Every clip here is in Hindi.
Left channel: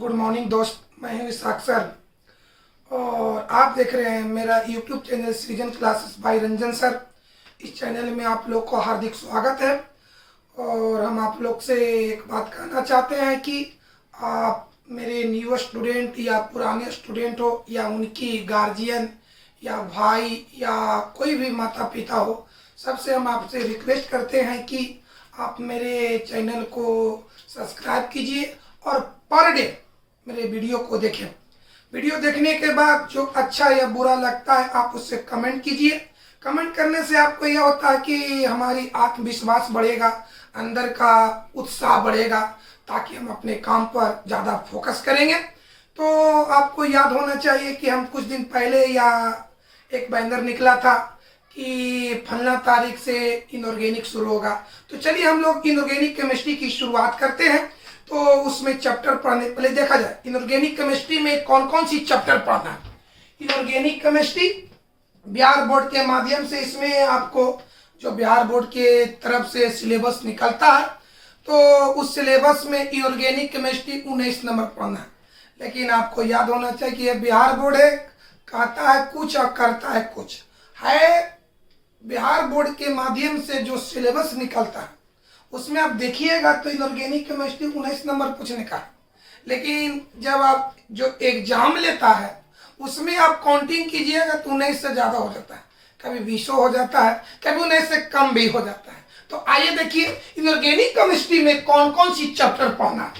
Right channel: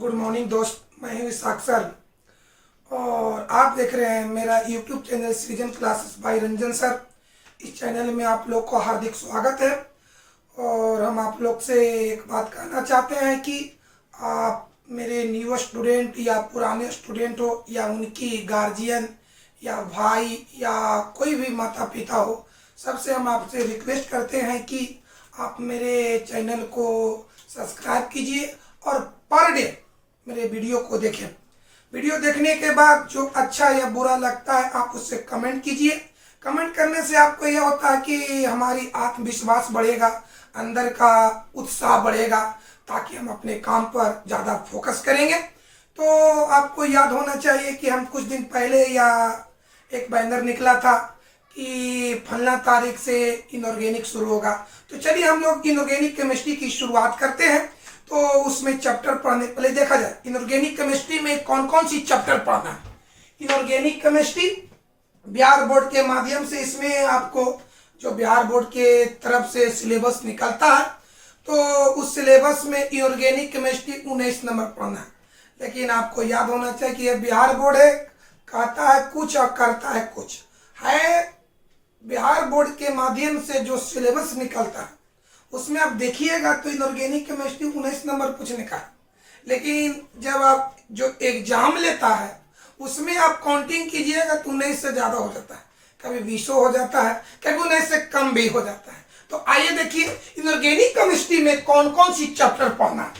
गुड मॉर्निंग दोस्त, मैं हूँ विशाख सर और आप देख रहे हैं मेरा यूट्यूब चैनल सृजन क्लासेस बाय रंजन सर। इस चैनल में आप लोग को हार्दिक स्वागत है और हम आप लोग से एक बात कहना चाहते हैं कि आप मेरे न्यू स्टूडेंट या पुराने स्टूडेंट हो या उनकी गार्जियन या भाई या कोई भी माता पिता हो, सबसे हम आपसे रिक्वेस्ट करते हैं कि आप मेरे चैनल को सब्सक्राइब कीजिए और पर डे मेरे वीडियो को देखें। वीडियो देखने के बाद जो अच्छा या बुरा लगता है आप उससे कमेंट कीजिए। कमेंट करने से आपको यह होता है कि हमारी आत्मविश्वास बढ़ेगा, अंदर का उत्साह बढ़ेगा, ताकि हम अपने काम पर ज़्यादा फोकस करेंगे। तो आपको याद होना चाहिए कि हम कुछ दिन पहले या एक बैनर निकला था कि फलना तारीख से इनऑर्गेनिक शुरू होगा। तो चलिए हम लोग इनऑर्गेनिक केमिस्ट्री की शुरुआत करते हैं। तो उसमें चैप्टर पढ़ने पहले देखा जाए इनऑर्गेनिक केमिस्ट्री में कौन कौन सी चैप्टर पढ़ना है। इनऑर्गेनिक केमिस्ट्री बिहार बोर्ड के माध्यम से, इसमें आपको जो बिहार बोर्ड के तरफ से सिलेबस निकलता है तो उस सिलेबस में इनऑर्गेनिक केमिस्ट्री 19 नंबर पढ़ना है। लेकिन आपको याद होना चाहिए कि यह बिहार बोर्ड है, कहता है कुछ और करता है कुछ है। बिहार बोर्ड के माध्यम से जो सिलेबस निकलता है उसमें आप देखिएगा तो इनऑर्गेनिक केमिस्ट्री 19 नंबर पूछने का है। लेकिन जब आप जो एग्जाम लेता है उसमें आप काउंटिंग कीजिएगा तो 19 से ज़्यादा हो जाता है, कभी 20 हो जाता है, कभी 19 से कम भी हो जाता है। तो आइए देखिए इनऑर्गेनिक केमिस्ट्री में कौन कौन सी चैप्टर पढ़ना है।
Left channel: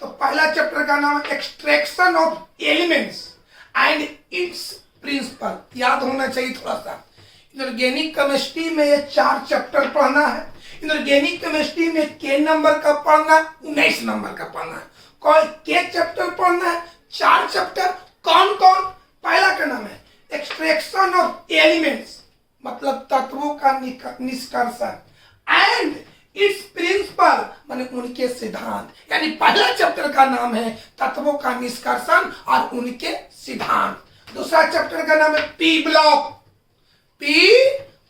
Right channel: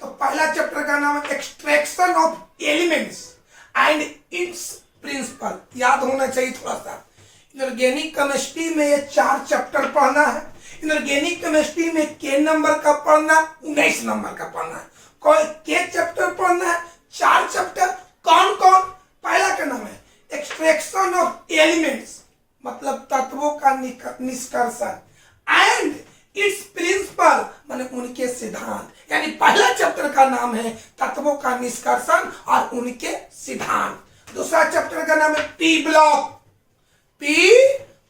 तो पहला चैप्टर का नाम है extraction of elements and its principle. याद होना चाहिए थोड़ा सा। इनऑर्गेनिक केमिस्ट्री में ये 4 चैप्टर पढ़ना है। इनऑर्गेनिक केमिस्ट्री में के नंबर का पढ़ना, 19 नंबर का पढ़ना है। कौन के चैप्टर पढ़ना है? 4 चैप्टर। कौन कौन? पहला का नाम है एक्सट्रैक्शन ऑफ एलिमेंट्स, मतलब तत्वों का निष्कर्षण, एंड इट्स प्रिंसिपल माने उनके सिद्धांत। यानी पहला चैप्टर का नाम है तत्वों का निष्कर्षण और उनके सिद्धांत। दूसरा चैप्टर का नाम है पी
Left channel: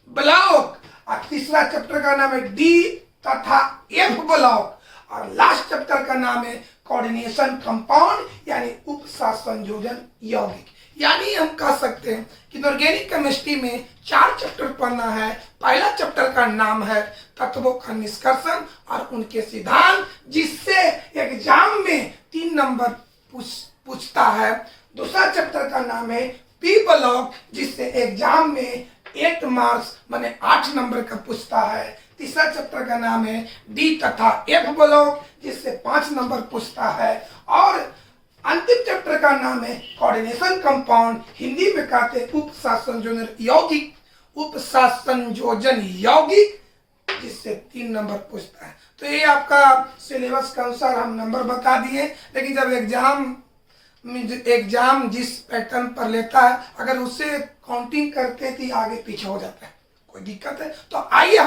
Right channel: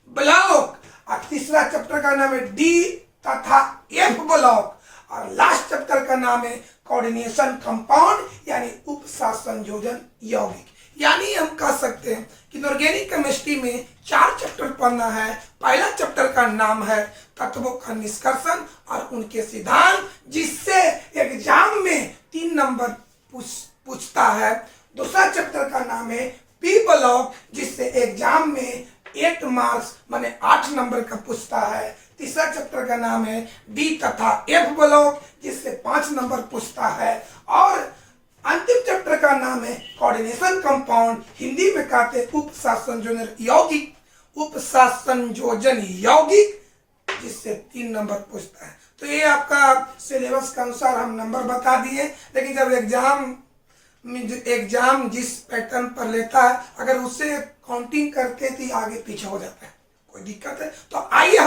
ब्लॉक और तीसरा चैप्टर का नाम है डी तथा एफ ब्लॉक और लास्ट चैप्टर का नाम है कोऑर्डिनेशन कंपाउंड यानी उपसंयोजन यौगिक। यानी हम कह सकते हैं कि इनऑर्गेनिक केमिस्ट्री में 4 चैप्टर पढ़ना है। पहला चैप्टर का नाम है तत्वों का निष्कर्षण और उनके सिद्धांत, जिससे एग्जाम में 3 नंबर पूछता है। दूसरा चैप्टर का नाम है पी ब्लॉक, जिससे एग्जाम में 8 मार्क्स माने 8 नंबर का पूछता है। तीसरा चैप्टर का नाम है डी तथा एफ ब्लॉक, जिससे 5 नंबर पूछता है। और अंतिम चैप्टर का नाम है कोऑर्डिनेशन कंपाउंड, हिंदी में कहते हैं उपसंयोजन यौगिक, जिससे 3 नंबर पूछता है। तो ये आपका सिलेबस के अनुसार हम नंबर बता दिए। लेकिन जब एग्जाम जिस पैटर्न पर लेता है अगर उससे काउंटिंग करते तो आगे पीछे हो जाता है, कोई दिक्कत है। तो आइए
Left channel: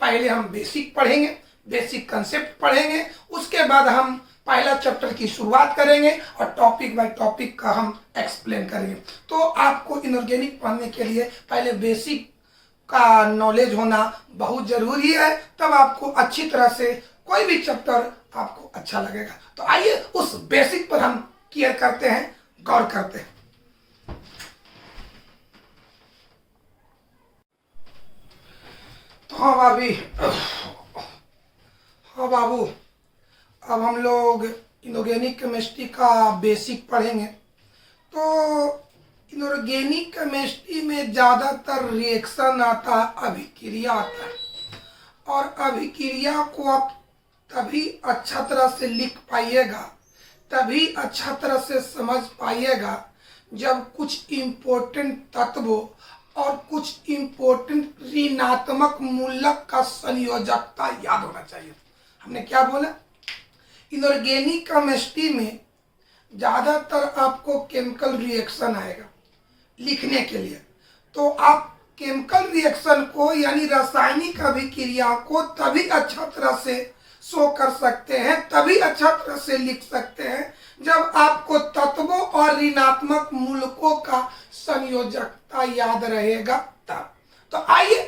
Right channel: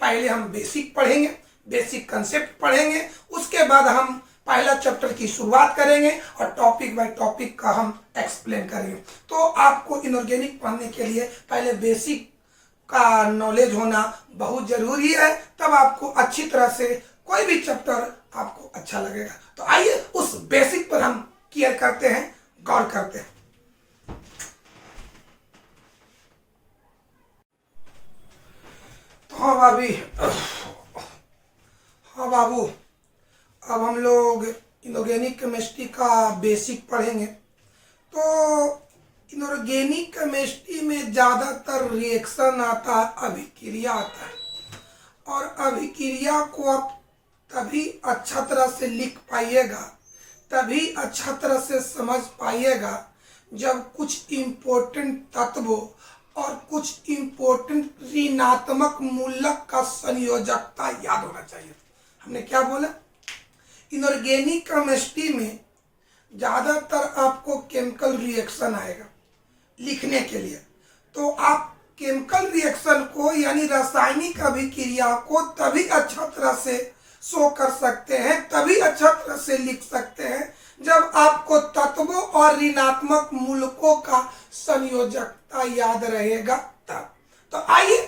पहले हम बेसिक पढ़ेंगे, बेसिक कंसेप्ट पढ़ेंगे, उसके बाद हम पहला चैप्टर की शुरुआत करेंगे और टॉपिक बाय टॉपिक का हम एक्सप्लेन करेंगे। तो आपको इनऑर्गेनिक पढ़ने के लिए पहले बेसिक का नॉलेज होना बहुत जरूरी है, तब आपको अच्छी तरह से कोई भी चैप्टर आपको अच्छा लगेगा। तो आइए उस बेसिक पर हम केयर करते हैं, गौर करते हैं। तो हाँ बाबू, अब हम लोग इनऑर्गेनिक केमिस्ट्री का बेसिक पढ़ेंगे। तो इनऑर्गेनिक केमिस्ट्री में ज़्यादातर रिएक्शन आता है, अभिक्रिया आता है। और अभिक्रिया को आप तभी अच्छा तरह से लिख पाइएगा, तभी अच्छा तरह से समझ पाइएगा जब कुछ इम्पोर्टेंट तत्वों और कुछ इम्पोर्टेंट ऋणात्मक मूलक का संयोजकता याद होना चाहिए। हमने क्या बोला? इनऑर्गेनिक केमिस्ट्री में ज़्यादातर आपको केमिकल रिएक्शन आएगा लिखने के लिए। तो आप केमिकल रिएक्शन को यानी रासायनिक अभिक्रिया को तभी अच्छा तरह से शो कर सकते हैं, तभी अच्छा तरह से लिख सकते हैं जब आपको तत्वों और ऋणात्मक मूलकों का संयोजकता याद रहेगा तब। तो आइए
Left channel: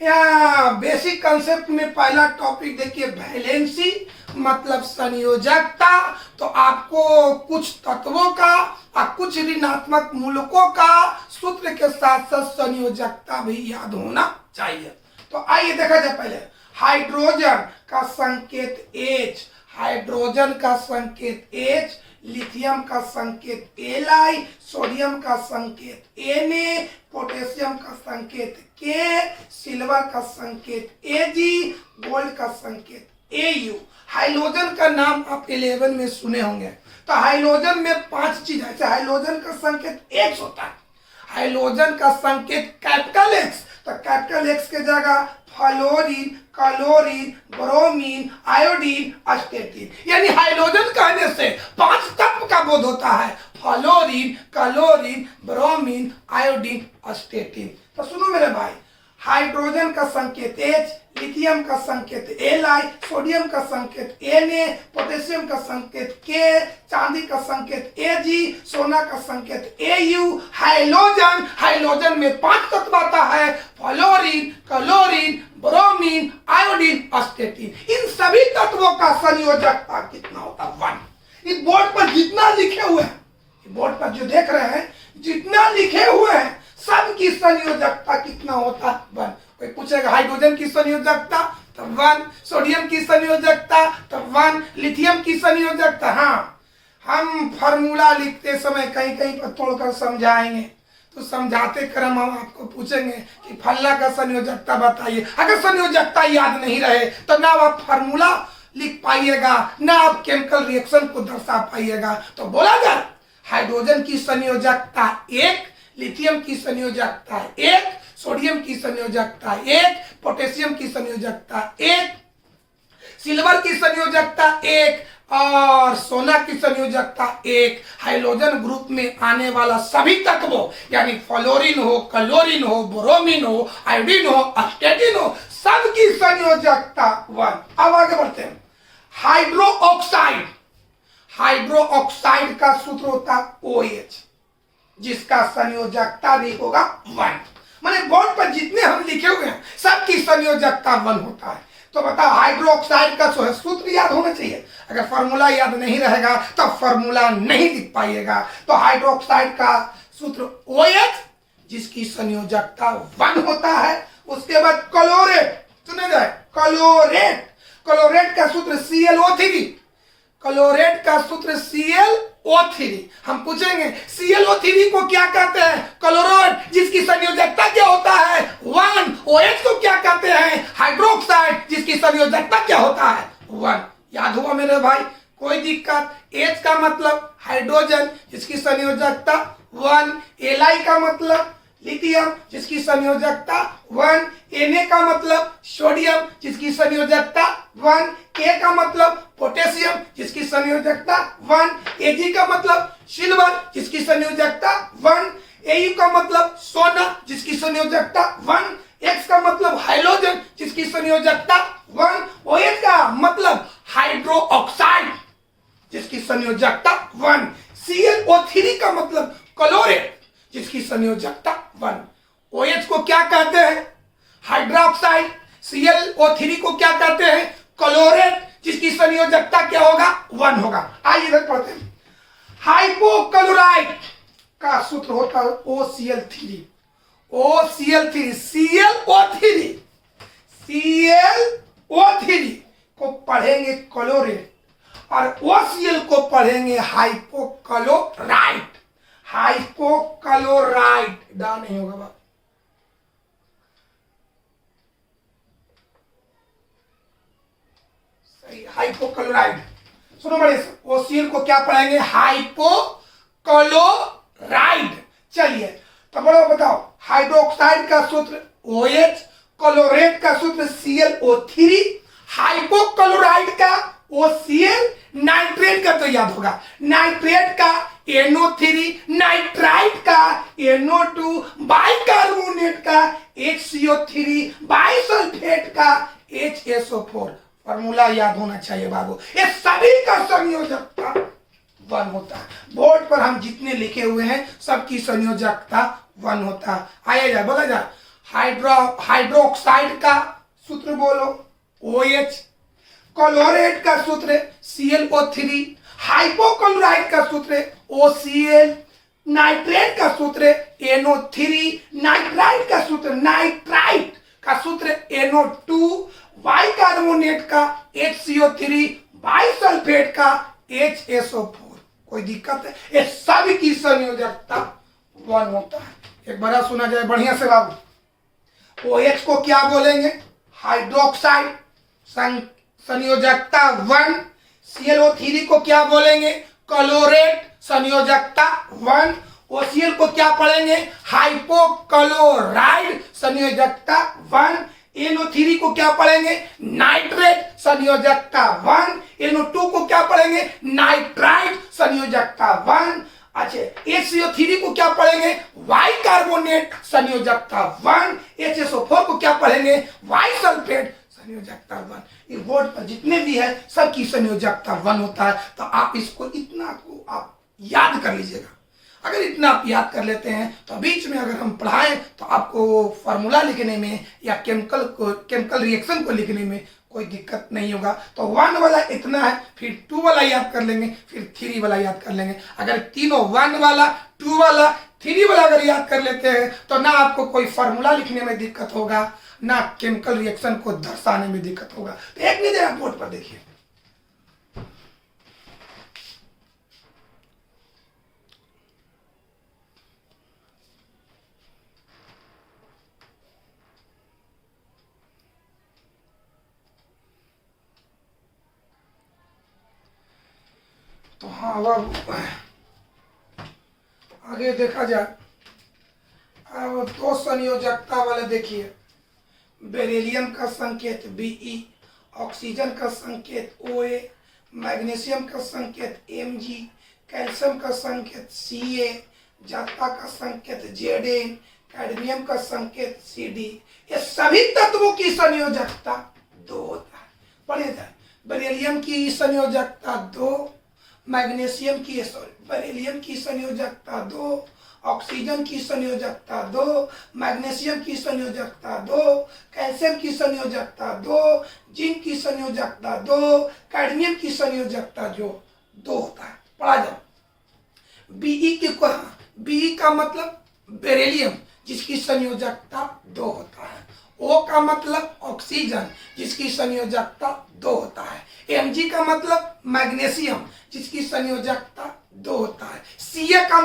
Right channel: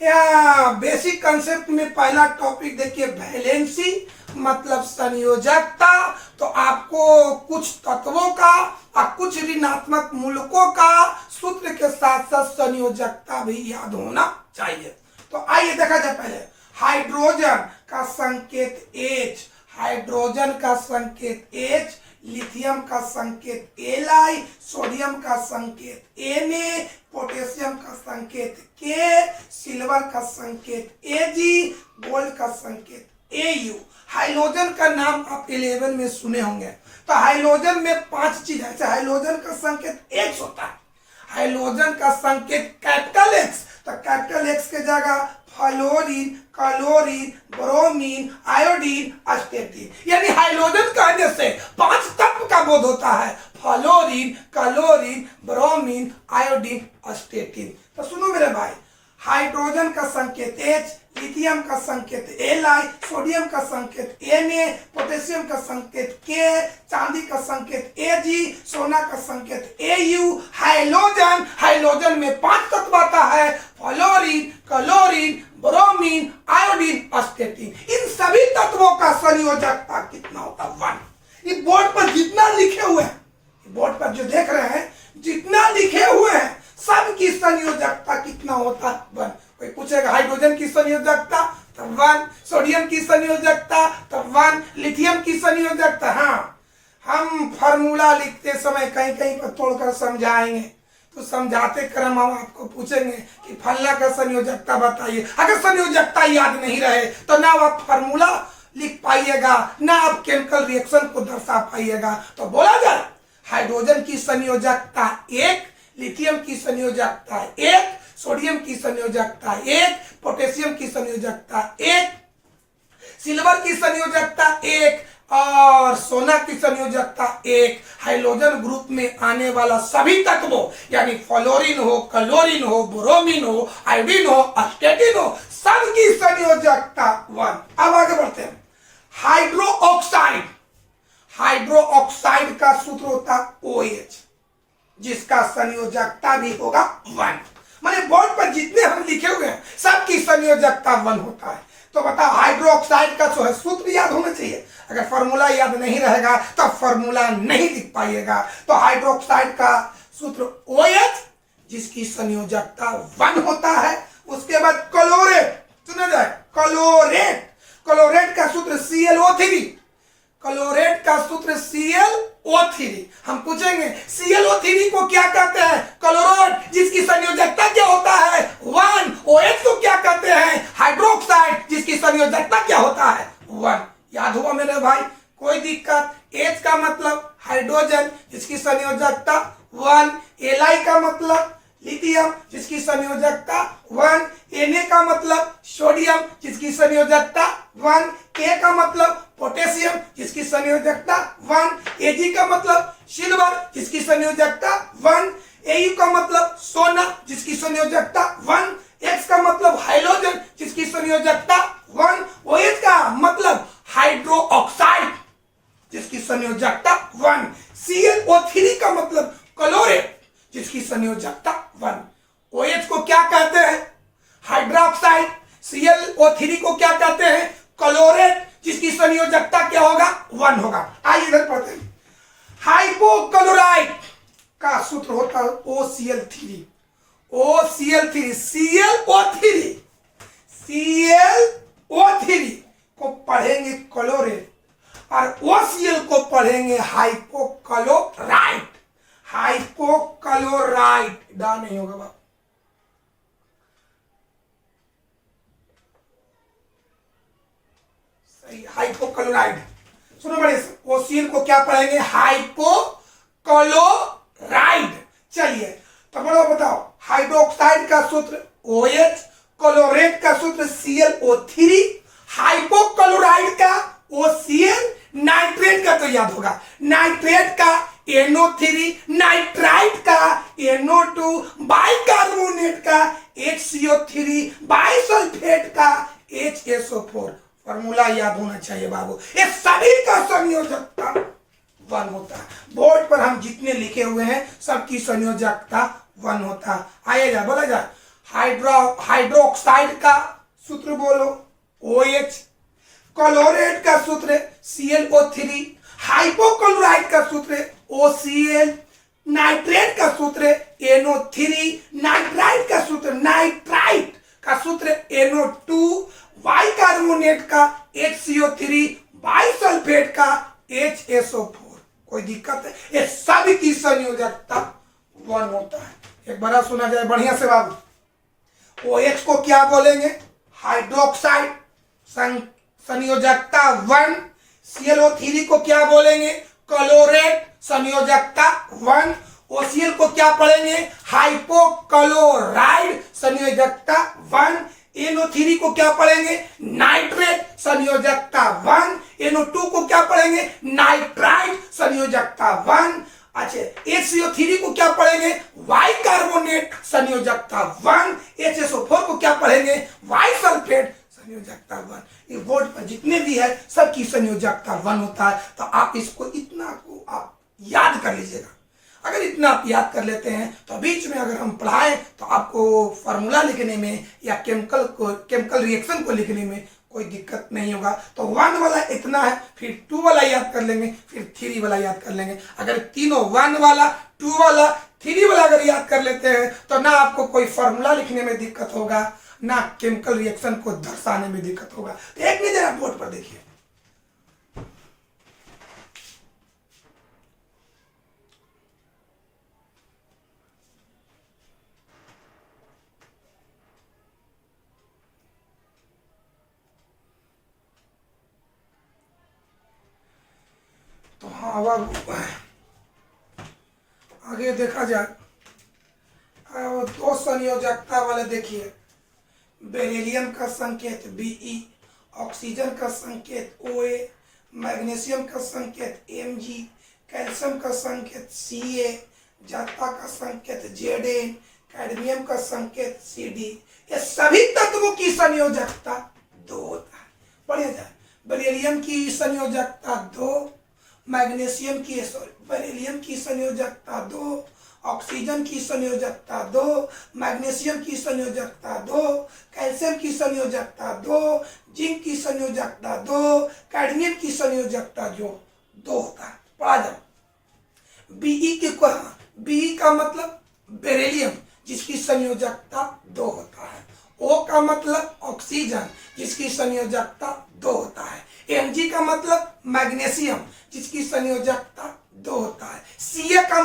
या बेसिक कंसेप्ट में पहला टॉपिक देखिए वैलेंसी मतलब संयोजकता। तो आपको कुछ तत्वों का और कुछ ऋणात्मक मूलकों का सूत्र के साथ साथ संयोजकता भी याद होना चाहिए। तो आइए देखा जाए पहले हाइड्रोजन का संकेत H, हाइड्रोजन का संकेत H, लिथियम का संकेत Li, सोडियम का संकेत Na, पोटेशियम का संकेत K, सिल्वर का संकेत Ag, गोल्ड का संकेत Au। हाइड्रोजन का नाम आप 11 में सुने होंगे। तो हाइड्रोजन में 5 चीज है। हाइड्रोजन का संकेत X होता है, हाइड्रोजन का संकेत कैपिटल X, तो कैपिटल X के जगह फ्लोरीन, क्लोरीन, ब्रोमीन, आयोडीन, अस्टेटिन। यानी हाइड्रोजन कहने से 5 तत्व का बोध होता है, फ्लोरीन, क्लोरीन, ब्रोमीन, आयोडीन, अस्टेटिन। तो सुनो मेरे भाई, हाइड्रोजन का संकेत H, लिथियम का संकेत Li, सोडियम का संकेत Na, पोटेशियम का संकेत K, चांदी का संकेत Ag, सोना का संकेत Au। हाइड्रोजन, हाइड्रोजन में 5 तत्व आता है, फ्लोरीन, क्लोरीन, ब्रोमीन, आयोडीन, अस्टेटिन। इन सभी तत्वों का संयोजकता कितना होता है? 1। इस बोर्ड पर जितना लिखे हुए हैं, बोर्ड पर जो देख रहे हैं जितना लिखे हुए हैं सब की संयोजकता कितना होता है? 1। कोई पूछेगा हाइड्रोजन की संयोजकता, तो 1, सोडियम की संयोजकता, तो 1, लिथियम की संयोजकता। हाँ, हम फार्मूला लिखते समय कहीं कहीं पर तोड़कर समझाएंगे, तो समझाते क्रम हम आपको पूछेंगे कि फलना का संयोजकता बताइए। अगर संयोजकता याद नहीं रहे तो ना आप फार्मूला लिख पाइएगा, ना आप केमिकल रिएक्शन को दर्शा पाइएगा। तो बोला जाए हाइड्रोजन की संयोजकता 1, लिथियम की संयोजकता 1, सोडियम की संयोजकता 1, पोटेशियम की संयोजकता 1, सिल्वर की संयोजकता 1 और सोना की संयोजकता 1। हाइड्रोजन ग्रुप में आने वाला सभी तत्वों यानी फ्लोरीन हो, क्लोरीन हो, ब्रोमीन हो, आयोडीन हो, अस्टेटिन हो, सबकी संयोजकता 1। अब आगे बढ़ते हैं। हाइड्रो ऑक्साइड, हाइड्रो ऑक्साइड का सूत्र होता है OH, जिसका संयोजकता भी होगा 1। माने बोर्ड पर जितने हम लिखे हुए हैं सबकी संयोजकता 1 होता है। तो बताओ हाइड्रोक्साइड का सूत्र याद होना चाहिए। अगर फॉर्मूला याद नहीं रहेगा तो फॉर्मूला नहीं लिख पाइएगा। तो हाइड्रोक्साइड का सूत्र OH, जिसकी संयोजकता 1 होता है। उसके बाद क्लोरेट, सुना जाए क्लोरेट, क्लोरेट का सूत्र ClO3, क्लोरेट का सूत्र ClO3। हम पूछेंगे ClO3 को क्या कहते हैं? क्लोराइड, जिसकी संयोजकता क्या होता है? 1। OH को क्या कहते हैं? हाइड्रोक्साइड, जिसकी संयोजकता क्या होता है? 1। याद हुआ मेरे भाई? कोई दिक्कत? H का मतलब हाइड्रोजन, जिसकी संयोजकता 1, Li का मतलब लिथियम, जिसकी संयोजकता 1, Na का मतलब सोडियम, जिसकी संयोजकता 1, K का मतलब पोटेशियम, जिसकी संयोजकता 1, Ag का मतलब सिल्वर, जिसकी संयोजकता 1, Au का मतलब सोना, जिसकी संयोजकता 1, X का मतलब हाइड्रोजन, जिसकी संयोजकता 1, OH का मतलब हाइड्रो ऑक्साइड, जिसकी संयोजकता 1, ClO3 का मतलब क्लोरेट, जिसकी संयोजकता 1। OH को क्या कहते हैं? हाइड्रोक्साइड। ClO3 को क्या कहते हैं? क्लोरेट, जिसकी संयोजकता क्या होगा? 1 होगा। आइए इधर पढ़ते हैं। हाइपोक्लोराइड का सूत्र होता है OCl3, OCl3, ClO3 को पढ़ेंगे क्लोरेट और OCl को पढ़ेंगे हाइपोक्लोराइड। हाइपोक्लोराइड डा नहीं होगा बाप। सही, हाइपोक्लोराइड। सुनो बड़े, OCl को क्या पढ़ेंगे? हाइपोक्लोराइड। चलिए तो बड़ो बताओ, हाइड्रोक्साइड का सूत्र OH, क्लोरेट का सूत्र ClO3, हाइपोक्लोराइड का OCl, नाइट्रेट का तो याद होगा, नाइट्रेट का NO3, नाइट्राइट का NO2, बाइकार्बोनेट का HCO3, बाइसल्फेट का HSO4। फॉर्मूला याद होना चाहिए बाबू। ये सभी का संयोजकता 1 होता है। बोर्ड पर हम जितने लिखे हुए हैं सबकी संयोजकता 1 होता है। आइए जा, बोला जाए हाइड्रोक्साइड का सूत्र बोलो OH, क्लोरेट का सूत्र ClO3, हाइपोक्लोराइड का सूत्र OCl, नाइट्रेट का सूत्र NO3, नाइट्राइट का सूत्र NO2, बाइकार्बोनेट का HCO3, बाइसल्फेट का HSO4। कोई दिक्कत है? ये सभी की संयोजकता 1 होता है। एक बार सुना जाए बढ़िया से बाबू। OH को क्या बोलेंगे? हाइड्रोक्साइड, संयोजकता 1। ClO3 को क्या बोलेंगे? क्लोरेट, संयोजकता 1। OCl को क्या पढ़ेंगे? हाइपोक्लोराइड, संयोजकता 1। NO3 को क्या पढ़ेंगे? नाइट्रेट, संयोजकता 1। NO2 को क्या पढ़ेंगे? नाइट्राइट, संयोजकता 1। अच्छा, HCO3 को क्या पढ़ेंगे? बाइकार्बोनेट, संयोजकता 1। HSO4 को क्या पढ़ेंगे? बाइसल्फेट, संयोजकता 1। ये बोर्ड पर जितने भी है सबकी संयोजकता 1 होता है। तो आप इसको इतना को आप याद कर लीजिएगा। अगर इतना आप याद कर लेते हैं तो बीच में अगर हम पढ़ाएं तो आपको फार्मूला लिखने में या केमिकल रिएक्शन को लिखने में कोई दिक्कत नहीं होगा। तो 1 वाला इतना है, फिर 2 वाला याद कर लेंगे, फिर 3 वाला याद कर लेंगे। अगर तीनों 1 वाला, 2 वाला, 3 वाला अगर याद कर लेते हैं तो ना आपको कोई फार्मूला लिखने में दिक्कत होगा, ना केमिकल रिएक्शन को दर्शाने में दिक्कत होगा। तो एक नजर आप बोर्ड पर देखिए। तो हाँ, अब आगे देखा जाए। अब 2 संयोजकता वाले देखिए। बेरिलियम का संकेत Be, ऑक्सीजन का संकेत OA, मैग्नीशियम का संकेत Mg, कैल्शियम का संकेत Ca, जस्ता का संकेत Zn, कैडमियम का संकेत Cd। ये सभी तत्वों की संयोजकता 2 होता है। पढ़े जाए। बेरिलियम की संयोजकता 2, बेरिलियम की संयोजकता 2, ऑक्सीजन की संयोजकता 2, मैग्नीशियम की संयोजकता 2, कैल्शियम की संयोजकता 2, जिंक की संयोजकता 2, कैडमियम की संयोजकता जो 2 होता है। पढ़ा जाओ। Be का मतलब बेरिलियम जिसकी संयोजकता 2 होता है। O का मतलब ऑक्सीजन जिसकी संयोजकता 2 होता है। Mg का मतलब मैग्नीशियम जिसकी संयोजकता 2 होता है। Ca का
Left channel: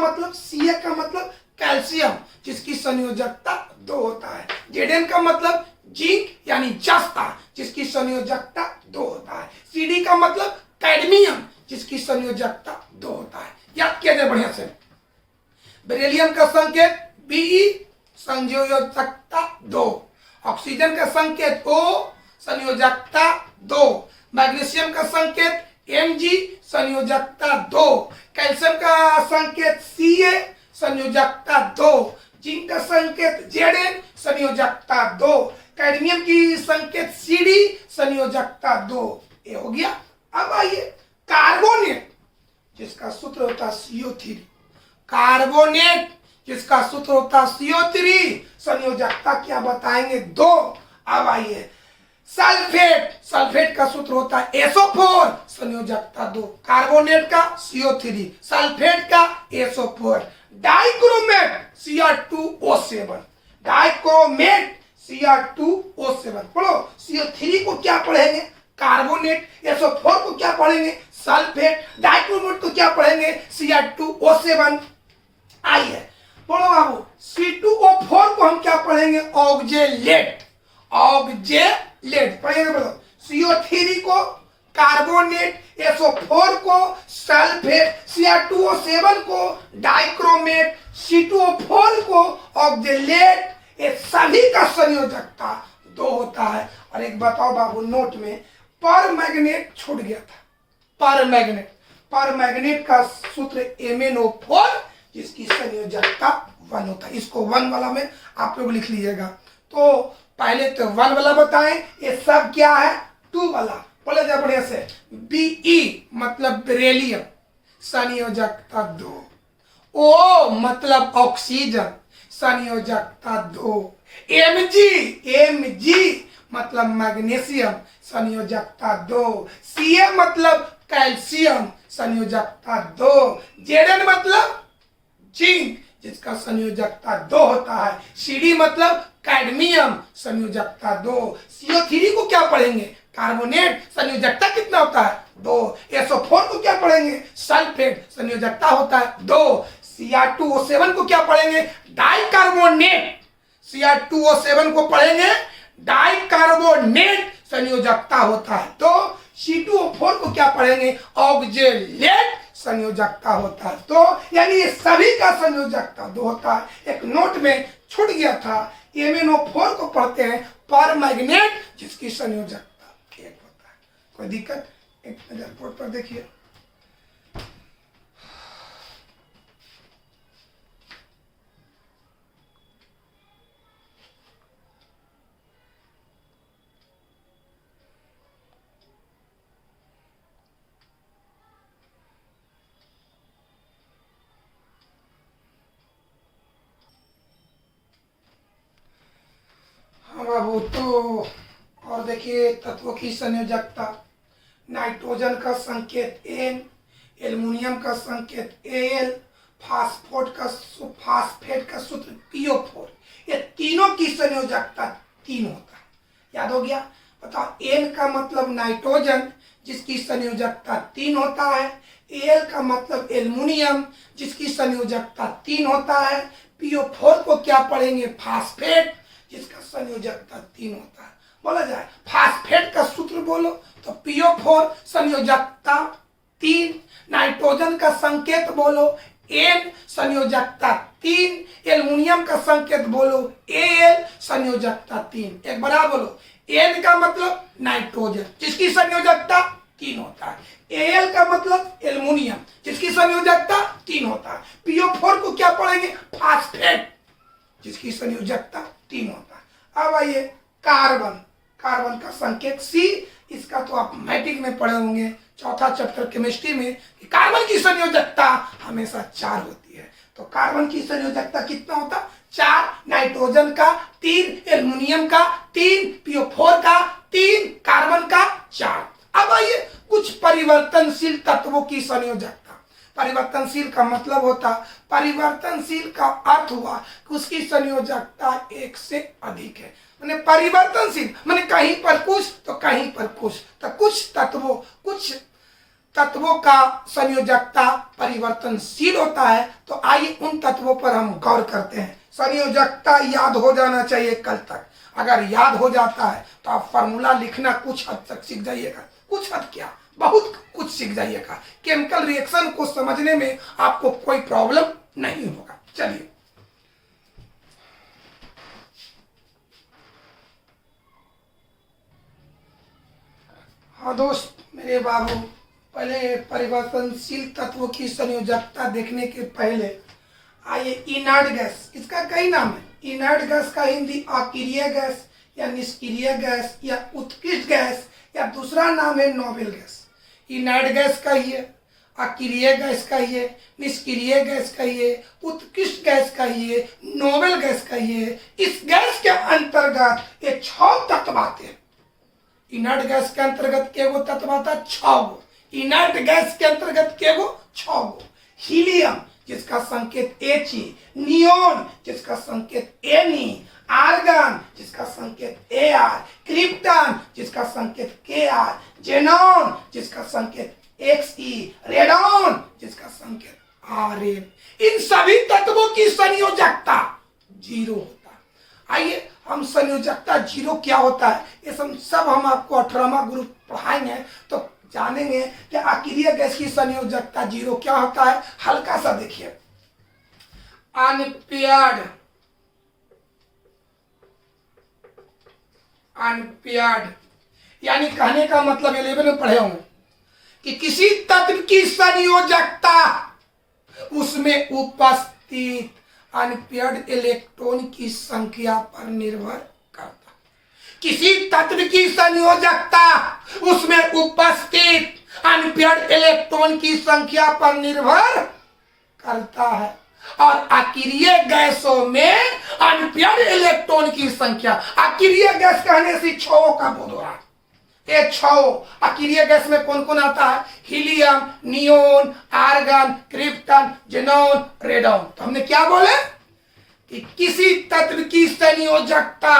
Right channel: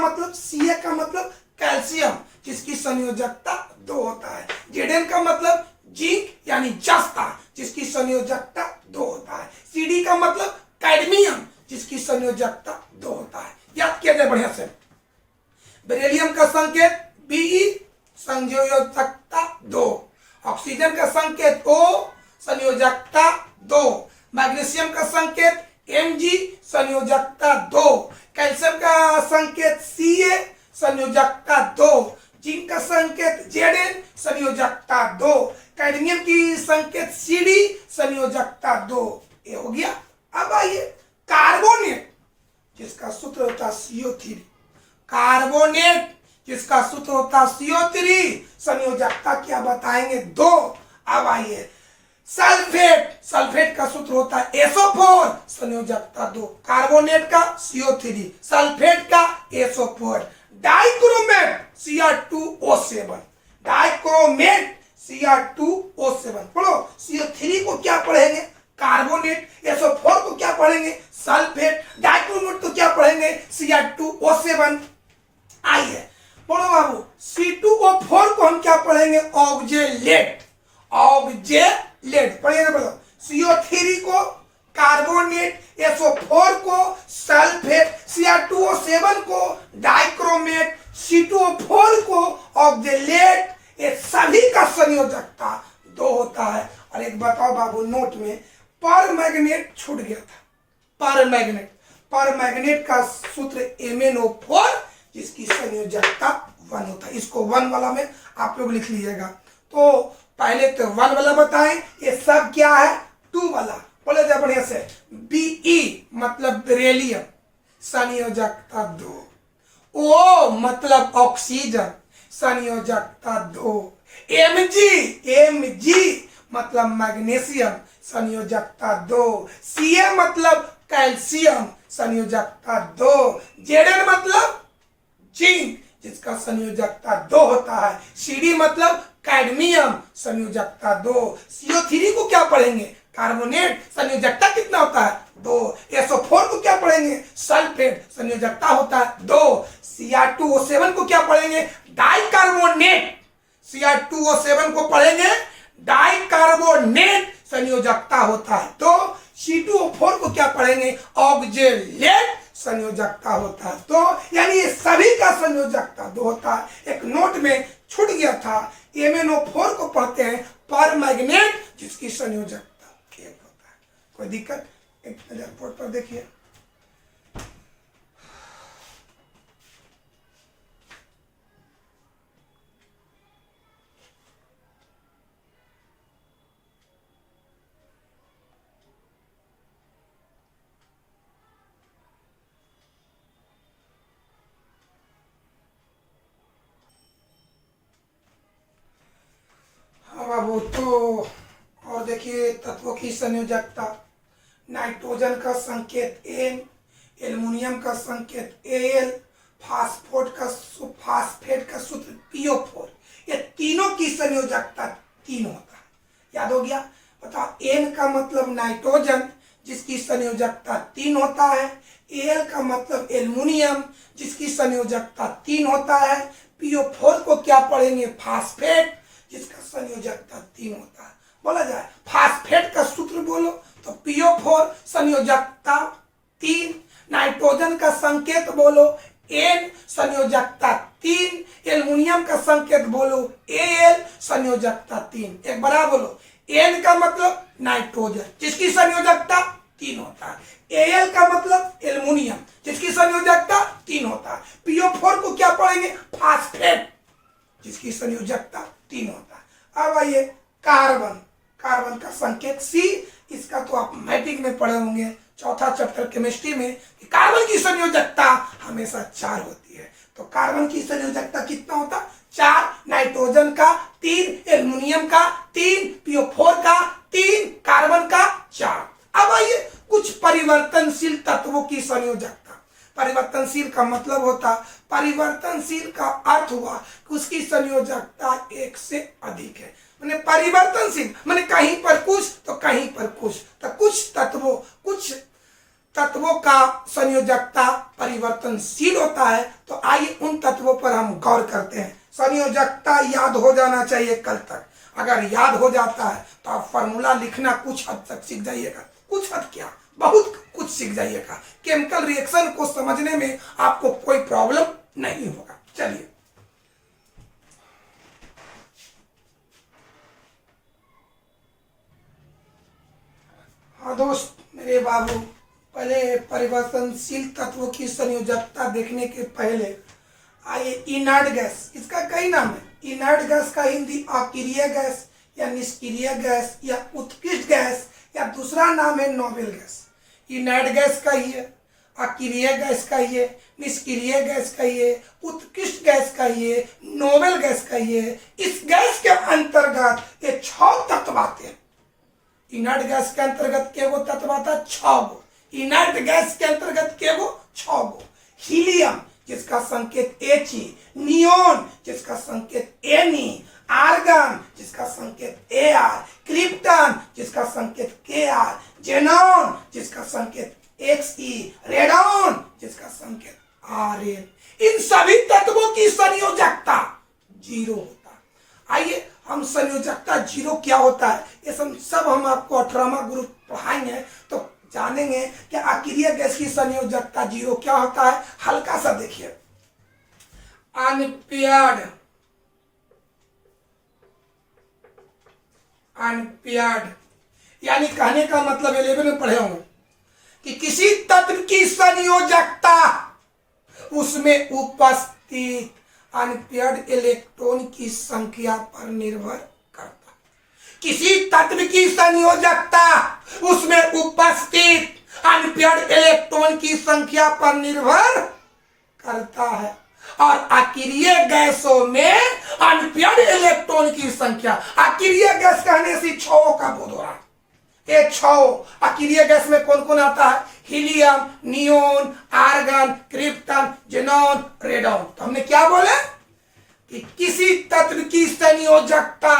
मतलब कैल्शियम जिसकी संयोजकता 2 होता है। Zn का मतलब जिंक यानी जस्ता जिसकी संयोजकता 2 होता है। Cd का मतलब कैडमियम जिसकी संयोजकता 2 होता है। याद किया जाए बढ़िया से। बेरिलियम का संकेत Be, संयोजकता 2। ऑक्सीजन का संकेत O, संयोजकता 2। मैग्नीशियम का संकेत Mg, संयोजकता 2। कैल्शियम का संकेत Ca, संयोजकता 2। जिंक का संकेत Zn, संयोजकता 2। कैडमियम की संकेत Cd, संयोजकता 2। ये हो गया। अब आइए कार्बोनेट जिसका सूत्र होता CO3, कार्बोनेट जिसका सूत्र होता CO3, संयोजकता क्या बताएंगे? 2। अब आइए सल्फेट का सूत्र होता है SO4, संयोजकता 2। कार्बोनेट का CO3, सल्फेट का SO4। Dichromate Cr2O7, dichromate Cr2O7। पढ़ो। CO3 को क्या पढ़ेंगे? कार्बोनेट। SO4 को क्या पढ़ेंगे? सल्फेट। डाइक्रोमेट को क्या पढ़ेंगे? Cr2O7। आइए पढ़ो बाबू। C2O4 को हम क्या पढ़ेंगे? ऑक्जेलेट। पढ़िए बोलो। CO3 को कार्बोनेट, SO4 को सल्फेट, Cr2O7 को डाइक्रोमेट, C2O4 को ऑक्जेलेट। ये सभी का संयोजकता 2 होता है। और एक बताओ बाबू, नोट में पर मैग्नेट छूट गया था। पर मैग्नेट का सूत्र MnO4 जिसकी संयोजकता 1 होता है। इसको 1 वाला में आप लोग लिख लीजिएगा। तो पहले तो 1 वाला बताएं, ये सब क्या है? 2 वाला। बोले जाए बढ़िया से। Be मतलब बेरिलियम, संयोजकता 2। O मतलब ऑक्सीजन, संयोजकता 2। Mg मतलब मैग्नीशियम, संयोजकता 2। Ca मतलब कैल्शियम, संयोजकता 2। Zn मतलब जिंक, जिसका संयोजकता 2 होता है। Cd मतलब कैडमियम, संयोजकता 2। CO3 को क्या पढ़ेंगे? कार्बोनेट, संयोजकता कितना होता है? 2। SO4 को क्या पढ़ेंगे? सल्फेट, संयोजकता होता है 2। Cr2O7 को क्या पढ़ेंगे? डाइकार्बोनेट। Cr2O7 को पढ़ेंगे डाइकार्बोनेट, संयोजकता होता है 2। C2O4 को क्या पढ़ेंगे? ऑक्जेलेट, संयोजकता होता है 2। यानी ये सभी का संयोजकता 2 होता है। एक नोट में छूट गया था, MnO4 को पढ़ते हैं पर मैग्नेट, जिसकी संयोजकता 1 होता है। कोई दिक्कत? एक नजर बोर्ड पर देखिए। बाबू तो और देखिए तत्वों की संयोजकता। नाइट्रोजन का संकेत N, एल्युमिनियम का संकेत Al, फास्फेट का सूत्र PO4। ये तीनों की संयोजकता 3 होता है। याद हो गया? बताओ, N का मतलब नाइट्रोजन, जिसकी संयोजकता 3 होता है। Al का मतलब एल्युमिनियम, जिसकी संयोजकता 3 होता है। PO4 को क्या पढ़ेंगे? फास्फेट, जिसका संयोजकता 3 होता है। बोला जाए फास्फेट का सूत्र बोलो तो PO4, संयोजकता 3। नाइट्रोजन का संकेत बोलो N, संयोजकता 3। एल्युमिनियम का संकेत बोलो Al, संयोजकता 3। एक बार बोलो, N का मतलब नाइट्रोजन, जिसकी संयोजकता 3 होता है। Al का मतलब एल्युमिनियम, जिसकी संयोजकता 3 होता है। PO4 को क्या पढ़ेंगे? फास्फेट, जिसकी संयोजकता 3 होता है। अब आइए कार्बन। कार्बन का संकेत C। इसका तो आप मैट्रिक में पढ़े होंगे, चौथा चैप्टर केमिस्ट्री में, कि कार्बन की संयोजकता हमेशा 4 होती है। तो कार्बन की संयोजकता कितना होता? 4। नाइट्रोजन का 3, एल्युमिनियम का 3, PO4 का 3, कार्बन का 4। अब आइए कुछ परिवर्तनशील तत्वों की संयोजकता। परिवर्तनशील का मतलब होता, परिवर्तनशील का अर्थ हुआ कि उसकी संयोजकता 1 से अधिक है। माने परिवर्तनशील माने कहीं पर कुछ तो कहीं पर कुछ, तो कुछ तत्वों का संयोजकता परिवर्तनशील होता है। तो आइए उन तत्वों पर हम गौर करते हैं। संयोजकता याद हो जाना चाहिए कल तक। अगर याद हो जाता है तो आप फॉर्मूला लिखना कुछ हद तक सीख जाइएगा। कुछ हद क्या, बहुत कुछ सीख जाइएगा। केमिकल रिएक्शन को समझने में आपको कोई प्रॉब्लम नहीं होगा। चलिए, हाँ दोस्त मेरे बाबू, पहले परिवर्तनशील तत्वों की संयोजकता देखने के पहले आइए इनर्ट गैस, इसका कई नाम है। इनर्ट गैस का हिंदी अक्रिय गैस या निष्क्रिय गैस या उत्कृष्ट गैस, या दूसरा नाम है नोबेल गैस। इनर्ट गैस कहिए, अक्रिय गैस कहिए, निष्क्रिय गैस कहिए, उत्कृष्ट गैस कहिए, नोबेल गैस कहिए। इस गैस के अंतर्गत ये 6 तत्व आते हैं। इनर्ट गैस के अंतर्गत केगो तत्व आता है? 6 गो। इनर्ट गैस के अंतर्गत केगो? 6 गो। हीलियम, जिसका संकेत He, नियोन, जिसका संकेत Ne, आर्गन, जिसका संकेत Ar, क्रिप्टन, जिसका संकेत Kr, जेनॉन, जिसका संकेत Xe, रेडॉन, जिसका संकेत Rn। इन सभी तत्वों की संयोजकता 0 होता है। आइए हम संयोजकता 0 क्या होता है ये सब हम आपको 18वां ग्रुप पढ़ाएंगे, तो जानेंगे कि अक्रिय गैस की संयोजकता 0 क्या होता है। हल्का सा देखिए, अनपेयर्ड यानी कहने का मतलब 11 में पढ़े होंगे कि किसी तत्व की संयोजकता उसमें उपस्थित अनपेयर्ड इलेक्ट्रॉन की संख्या पर निर्भर करता है। किसी तत्व की संयोजकता उसमें उपस्थित अनपेयर्ड इलेक्ट्रॉन की संख्या पर निर्भर करता है। और अक्रिय गैसों में अनपेयर्ड इलेक्ट्रॉन की संख्या। अक्रिय गैस कहने से छओं का बोध हो रहा है। ये छओ अक्रिय गैस में कौन कौन आता है? Helium, neon, argon, krypton, xenon, radon. तो हमने क्या बोले कि किसी तत्व की संयोजकता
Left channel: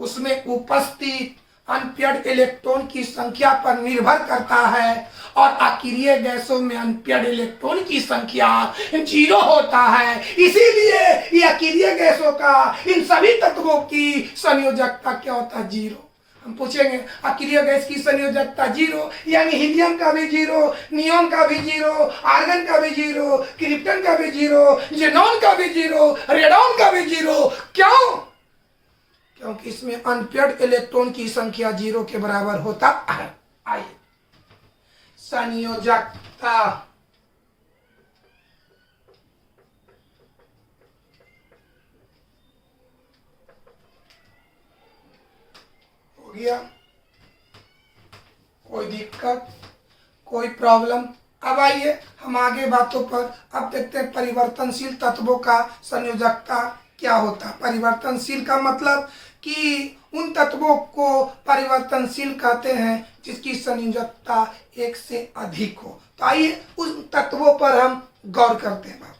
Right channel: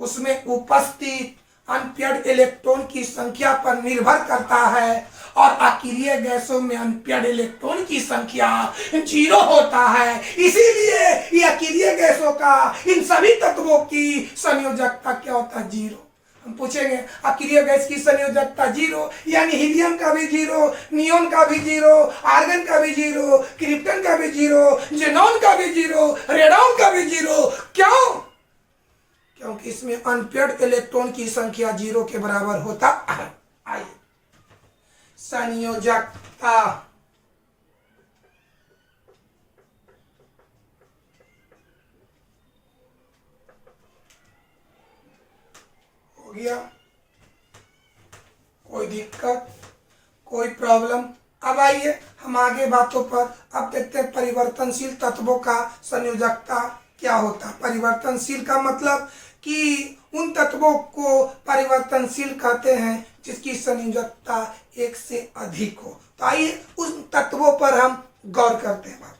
उसमें उपस्थित अनपेयर्ड इलेक्ट्रॉन की संख्या पर निर्भर करता है, और अक्रिय गैसों में अनपेयर्ड इलेक्ट्रॉन की संख्या 0 होता है। इसीलिए ये अक्रिय गैसों का इन सभी तत्वों की संयोजकता क्या होता है? 0। हम पूछेंगे अक्रिय गैस की संयोजकता 0, यानी हीलियम का भी 0, नियोन का भी 0, आर्गन का भी 0, क्रिप्टन का भी 0, जेनॉन का भी 0, रेडॉन का भी 0। क्यों? क्योंकि इसमें अनपेयर्ड इलेक्ट्रॉन की संख्या 0 के बराबर होता है। आइए संयोजकता। हो गया? कोई दिक्कत, कोई प्रॉब्लम? अब आइए हम आगे बातों पर अब देखते हैं परिवर्तनशील तत्वों का संयोजकता क्या होता है। परिवर्तनशील का मतलब कि उन तत्वों को परिवर्तनशील कहते हैं जिसकी संयोजकता 1 से अधिक हो। तो आइए उन तत्वों पर हम गौर करते हैं।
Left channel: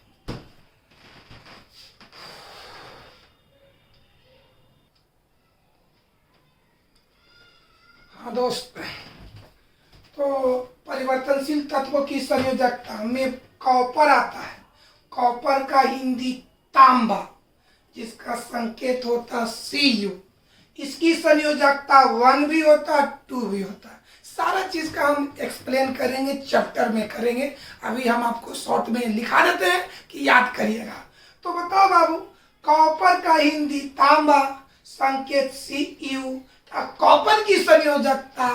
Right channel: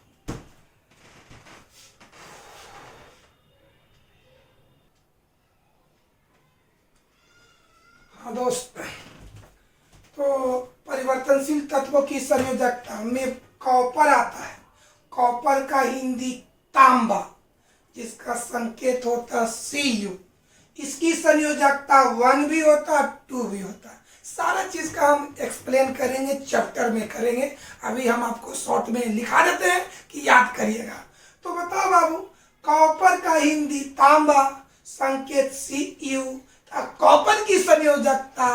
हाँ दोस्त, तो परिवर्तनशील तत्वों की संयोजकता में कॉपर आता है। कॉपर का हिंदी तांबा, जिसका संकेत होता Cu। इसकी संयोजकता 1 भी होता है, 2 भी होता है। सारा चीज का हम एक्सप्लेन करेंगे, चैप्टर में करेंगे। अभी हम आपको शॉर्ट में लिखा देते हैं कि याद करिएगा। तो बताओ बाबू, कॉपर का हिंदी तांबा, संकेत Cu। कॉपर की संयोजकता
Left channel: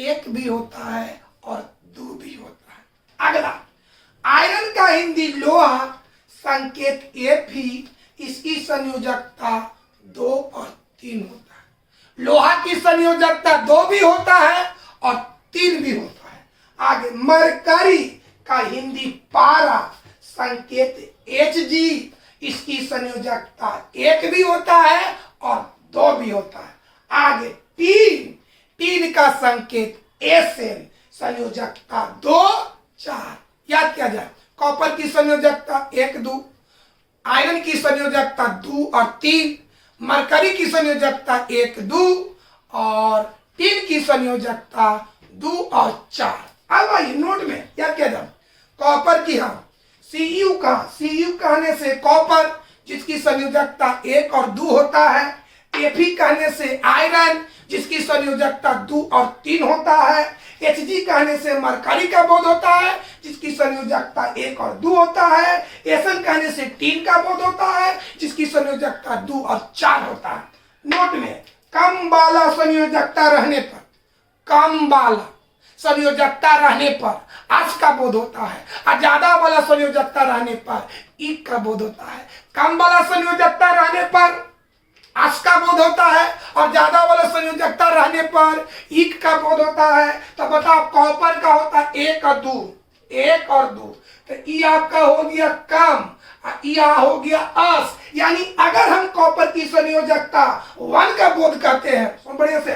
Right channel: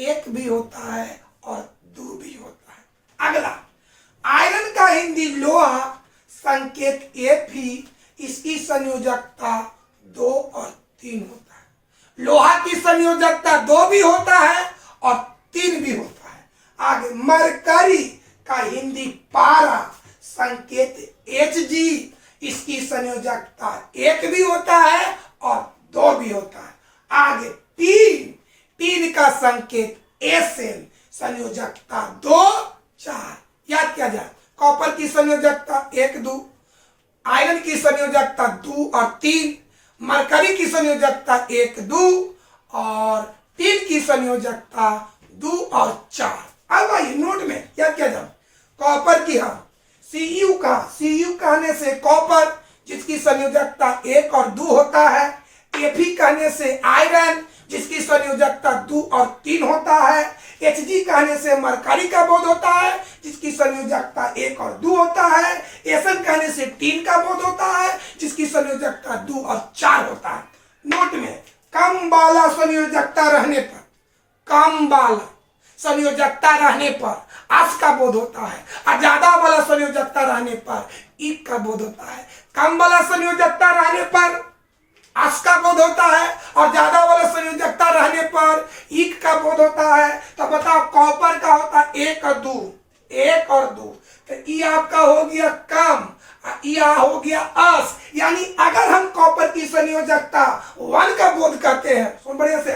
1 भी होता है और 2 भी होता है। अगला, आयरन का हिंदी लोहा, संकेत Fe। इसकी संयोजकता 2 और 3 होता है। लोहा की संयोजकता 2 भी होता है और 3 भी होता है। आगे, मरकरी का हिंदी पारा, संकेत Hg। इसकी संयोजकता 1 भी होता है और 2 भी होता है। आगे, टीन का संकेत Sn, संयोजकता 2, 4। याद किया जाए, कॉपर की संयोजकता 1, 2, आयरन की संयोजकता 2 और 3, मरकरी की संयोजकता 1, 2 और टीन की संयोजकता 2 और 4। अब आइए नोट में याद किया जाए, कॉपर की Cu का Cu कहने से कॉपर, जिसकी संयोजकता 1 और 2 होता है। Fe कहने से आयरन, जिसकी संयोजकता 2 और 3 होता है। Hg कहने से मरकरी का बोध होता है, जिसकी संयोजकता 1 और 2 होता है। Sn कहने से टीन का बोध होता है, जिसकी संयोजकता 2 और 4 होता है। नोट में, कम वाला संयोजकता रहने पर, कम वाला संयोजकता रहने पर अस का बोध होता है, और ज्यादा वाला संयोजकता रहने पर इक का बोध होता है। कम वाला संयोजकता रहने पर अस का बोध होता है और ज्यादा वाला संयोजकता रहने पर इक का बोध होता है। तो बताओ, कॉपर का होता है 1 और 2, 1 और 2, तो ई आपका हो गया कम, या हो गया अस। यानी अगर हम कॉपर की संयोजकता 1 का बोध करते हैं, सुन बढ़िया से,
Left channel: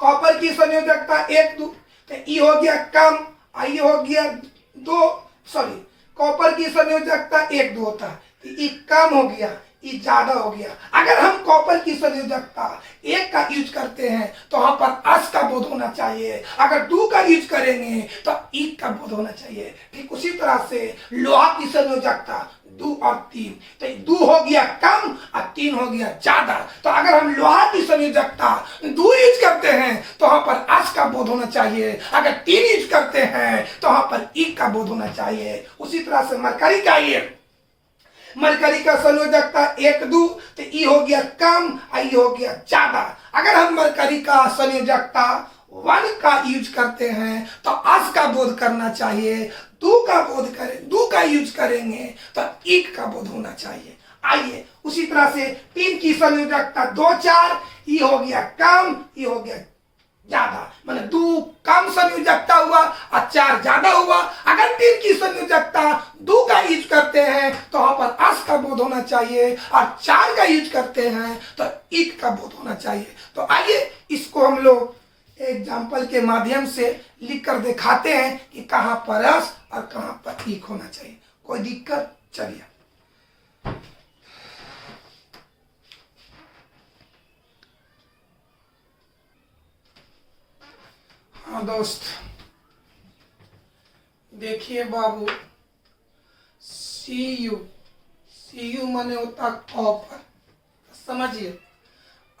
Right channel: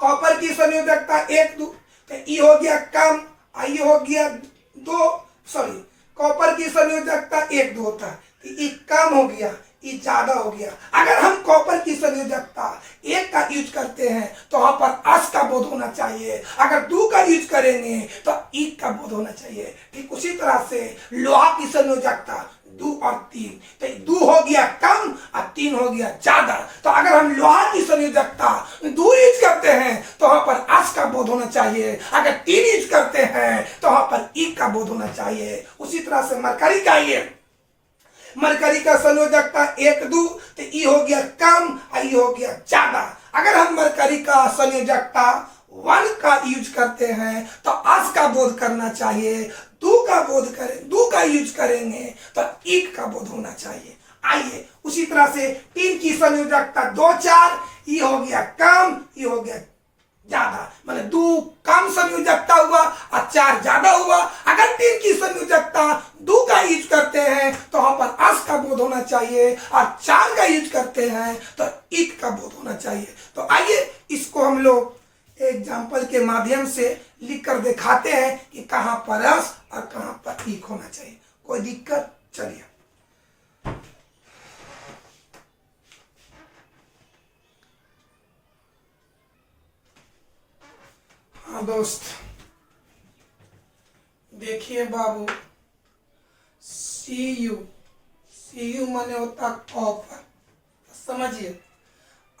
कॉपर की संयोजकता 1, 2, तो ई हो गया कम, आई हो गया 2, सॉरी, कॉपर की संयोजकता 1, 2 होता है, तो ई कम हो गया, ई ज्यादा हो गया। अगर हम कॉपर की संयोजकता 1 का यूज करते हैं तो वहां पर अस का बोध होना चाहिए। अगर 2 का यूज करेंगे तो इक का बोध होना चाहिए। ठीक उसी तरह से लोहा की संयोजकता 2 और 3, तो 2 हो गया कम और 3 हो गया ज्यादा। तो अगर हम लोहा की संयोजकता 2 यूज करते हैं तो वहां पर अस का बोध होना चाहिए। अगर 3 यूज करते हैं तो वहां पर इक का बोध होना चाहिए। उसी तरह से मरकरी का ये, मरकरी का संयोजकता 1, 2, तो ई हो गया कम, आई हो गया ज्यादा। अगर हम मरकरी का संयोजकता 1 का यूज करते हैं तो अस का बोध करना चाहिए। 2 का यूज करेंगे तो इक का बोध होना चाहिए। आइए उसी तरह से 3 की संयोजकता 2, 4, ई हो गया कम, ई हो गया ज्यादा, माने 2 कम संयोजकता हुआ और 4 ज्यादा हुआ। अगर 3 की संयोजकता 2 का यूज करते हैं तो वहां पर अस का बोध होना चाहिए, और 4 का यूज करते हैं तो ईट का बोध होना चाहिए। तो आइए इसको हम लोग एग्जाम्पल के माध्यम से लिख कर दिखाते हैं कि कहां पर अस और कहां पर ईक होना चाहिए। कोई दिक्कत? चलिए, हाँ दोस्त, देखिए बाबू, सी यू माने होता कॉपर। समझिए,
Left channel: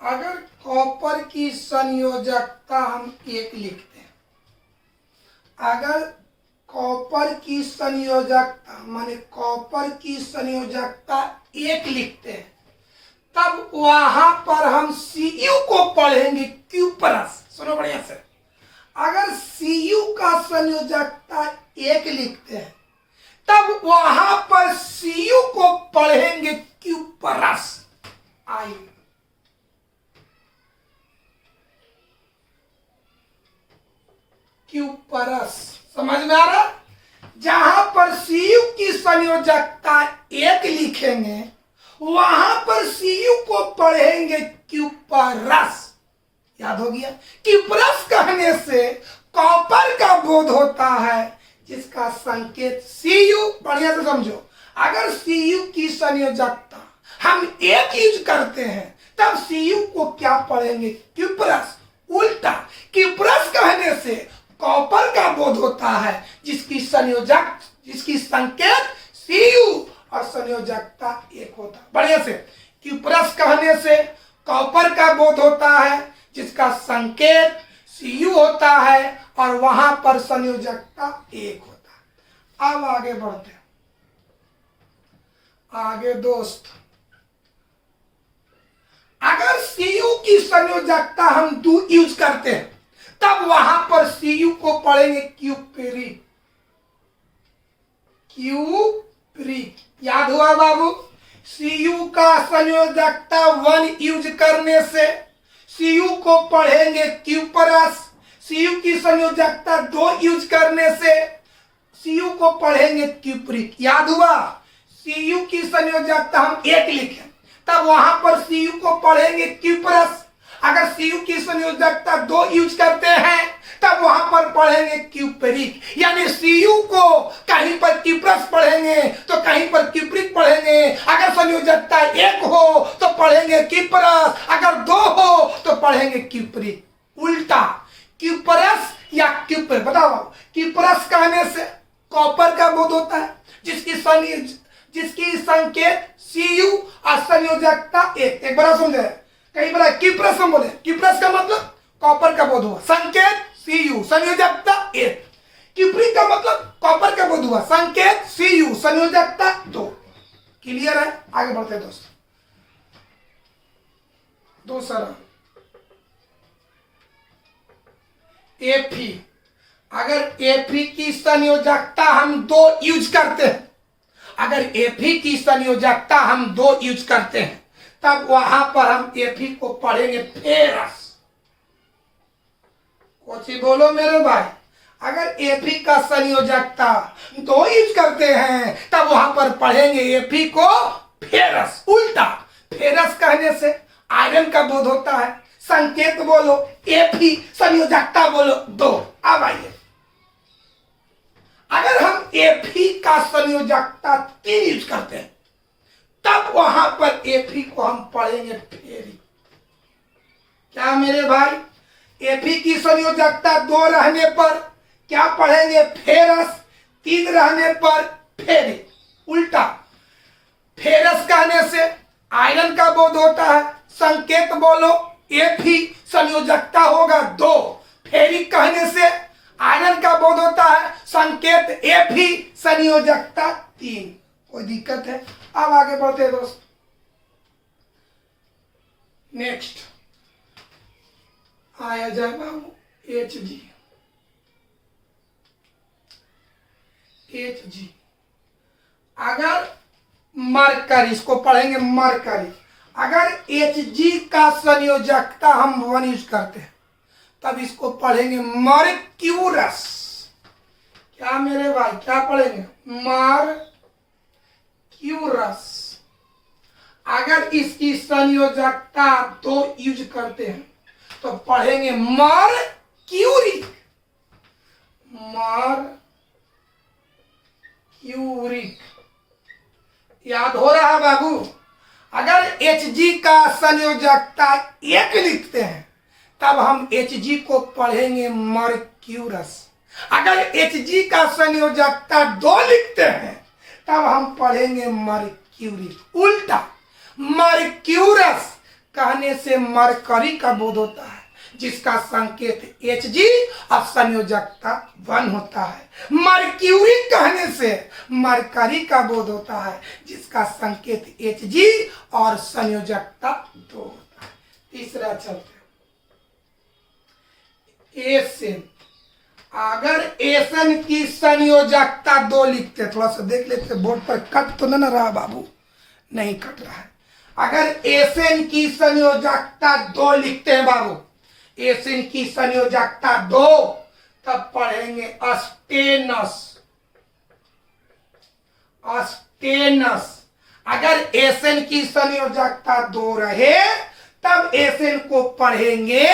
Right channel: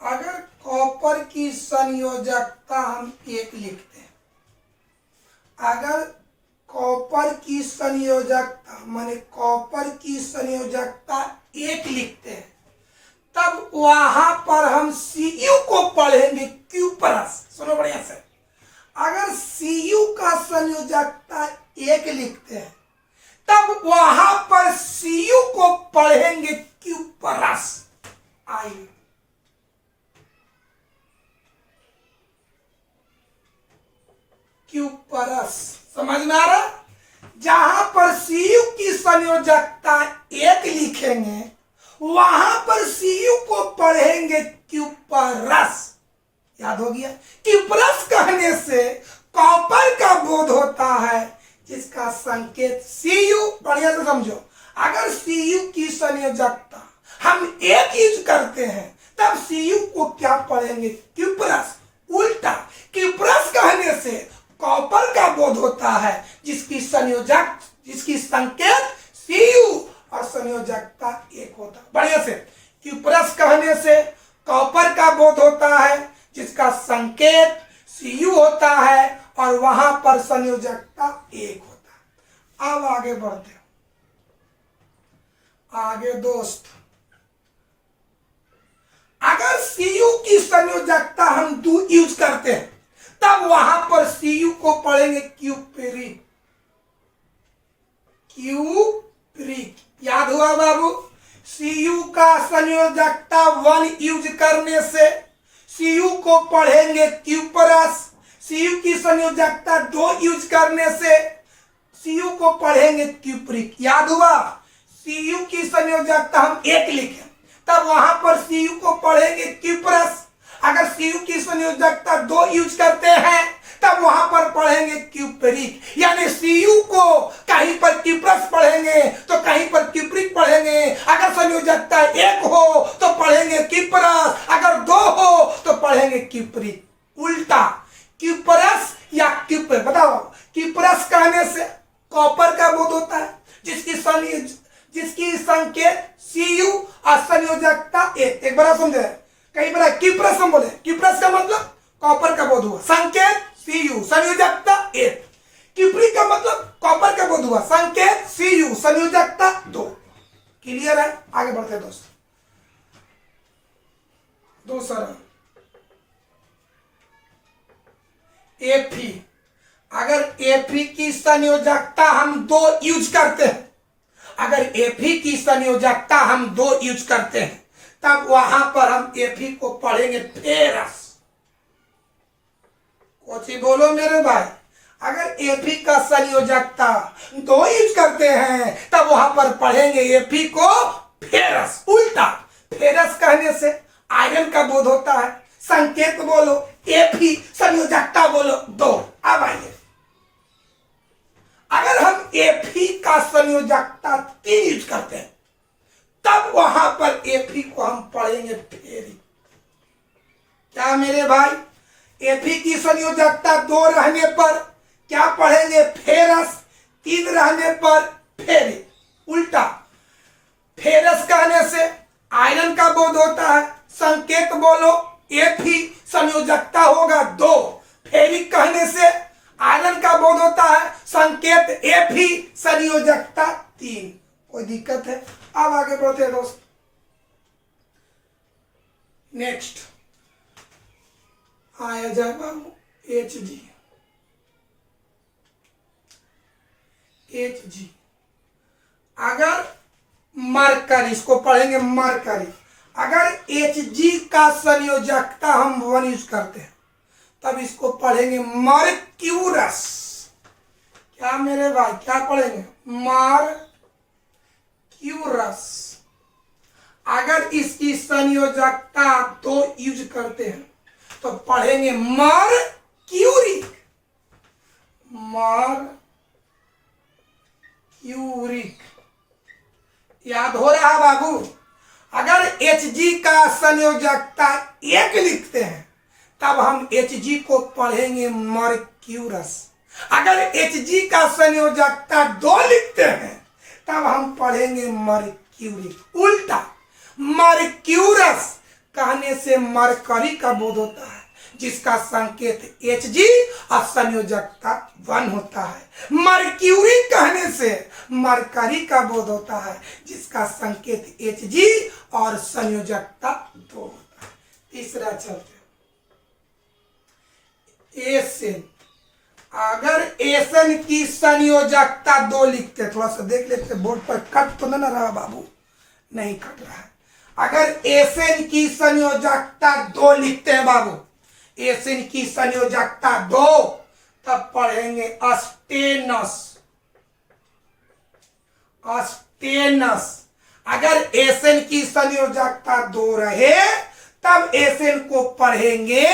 अगर कॉपर की संयोजकता हम 1 लिखते हैं, अगर कॉपर की संयोजकता माने कॉपर की संयोजकता 1 लिखते हैं, तब वहां पर हम Cu को पढ़ेंगे Q प्लस। सुनो बढ़िया से, अगर Cu का संयोजकता 1 लिखते हैं, तब वहां पर Cu को पढ़ेंगे Q प्लस। आइए, Q प्लस समझ में आ रहा? जहां पर Cu की संयोजकता 1 लिखेंगे, वहां पर Cu को पढ़ेंगे Q प्लस। याद हो गया? Q प्लस कहने से कॉपर का बोध होता है, जिसका संकेत Cu। बढ़िया से समझो, अगर Cu की संयोजकता हम 1 यूज करते हैं, तब Cu को क्या पढ़ेंगे? Q plus. उल्टा Q प्लस कहने से कॉपर का बोध होता है, जिसकी संकेत Cu और संयोजकता 1 होता है। बढ़िया से, Q प्लस कहने से कॉपर का बोध होता है, जिसका संकेत Cu होता है, और वहां पर संयोजकता 1 होता है। अब आगे बढ़ते हैं। आगे दोस्त, अगर Cu की संयोजकता हम 2 यूज करते हैं, तब वहां पर Cu को पढ़ेंगे क्यूप्रिक। याद हुआ बाबू? Cu का संयोजकता 1 यूज करने से Cu को पढ़ेंगे Q प्लस। Cu की संयोजकता 2 यूज करने से Cu को पढ़ेंगे क्यूप्रिक। याद हुआ? Cu की संयोजकता हम 1 लिखें, तब वहां पर Cu को पढ़ेंगे Q प्लस। अगर Cu की संयोजकता 2 यूज करते हैं, तब वहां पर पढ़ेंगे क्यूप्रिक। यानी Cu को कहीं पर Q प्लस पढ़ेंगे तो कहीं पर क्यूप्रिक पढ़ेंगे। अगर संयोजकता 1 हो तो पढ़ेंगे Q प्लस, अगर 2 हो तो पढ़ेंगे क्यूप्रिक। उल्टा Q प्लस या क्यूप्रिक, बताओ। Q प्लस कहने से कॉपर का बोध होता है, जिसकी संकेत Cu और संयोजकता 1। एक बार समझे, कई बार Q प्लस हम बोले, Q प्लस का मतलब कॉपर का बोध हुआ, संकेत Cu, संयोजकता 1। क्यूप्रिक का मतलब कॉपर का बोध हुआ, संकेत Cu, संयोजकता 2। क्लियर है? आगे बढ़ते हैं दोस्त। दूसरा Fe। अगर Fe की संयोजकता हम 2 यूज करते हैं, अगर Fe की संयोजकता हम 2 यूज करते हैं, तब वहां पर हम Fe को पढ़ेंगे फेरस। कोची बोलो मेरे भाई। अगर Fe का संयोजकता 2 यूज करते हैं, तब वहां पर पढ़ेंगे Fe को फेरस। उल्टा फेरस कहने से आयरन का बोध होता है, संकेत बोलो Fe, संयोजकता बोलो 2। अब आइए, अगर हम Fe का संयोजकता 3 यूज करते हैं, तब वहां पर Fe को हम पढ़ेंगे फेरिक। क्या मेरे भाई? Fe की संयोजकता 2 रहने पर क्या पढ़ेंगे? फेरस। 3 रहने पर फेरिक। उल्टा फेरस कहने से आयरन का बोध होता है, संकेत बोलो Fe, संयोजकता होगा 2। फेरिक कहने से आयरन का बोध होता है, संकेत Fe, संयोजकता 3। कोई दिक्कत है? अब आगे बढ़ते हैं दोस्त। नेक्स्ट आया जाए बाबू Hg। अगर मरकरी, इसको पढ़ेंगे मरकरी। अगर Hg का संयोजकता हम 1 यूज करते हैं, तब इसको पढ़ेंगे मर्क्यूरस। क्या मेरे भाई? क्या पढ़ेंगे? क्यूरस। अगर इसकी संयोजकता 2 यूज करते हैं तो पढ़ेंगे मरक्यूरिक। मरक्यूरिक याद हो रहा है बाबू। अगर Hg का संयोजकता 1 लिखते हैं तब हम Hg को पढ़ेंगे मरक्यूरस। अगर Hg का संयोजकता 2 लिखते हैं तब हम पढ़ेंगे मरक्यूरिक। उल्टा मरक्यूरस कहने से मरकरी का बोध होता है, जिसका संकेत Hg और संयोजकता 1 होता है। मरक्यूरी कहने से मरकरी का बोध होता है, जिसका संकेत Hg और संयोजकता 2 होता है। तीसरा चलते एसेन। अगर एसेन की संयोजकता 2 लिखते, थोड़ा सा देख लेते बोर्ड पर कट तो नहीं रहा बाबू, नहीं कट रहा है। अगर एसेन की संयोजकता 2 लिखते हैं बाबू, एसेन की संयोजकता 2, तब पढ़ेंगे अस्टेनस। अस्टेनस। अगर एसेन की संयोजकता 2 रहे तब एसेन को पढ़ेंगे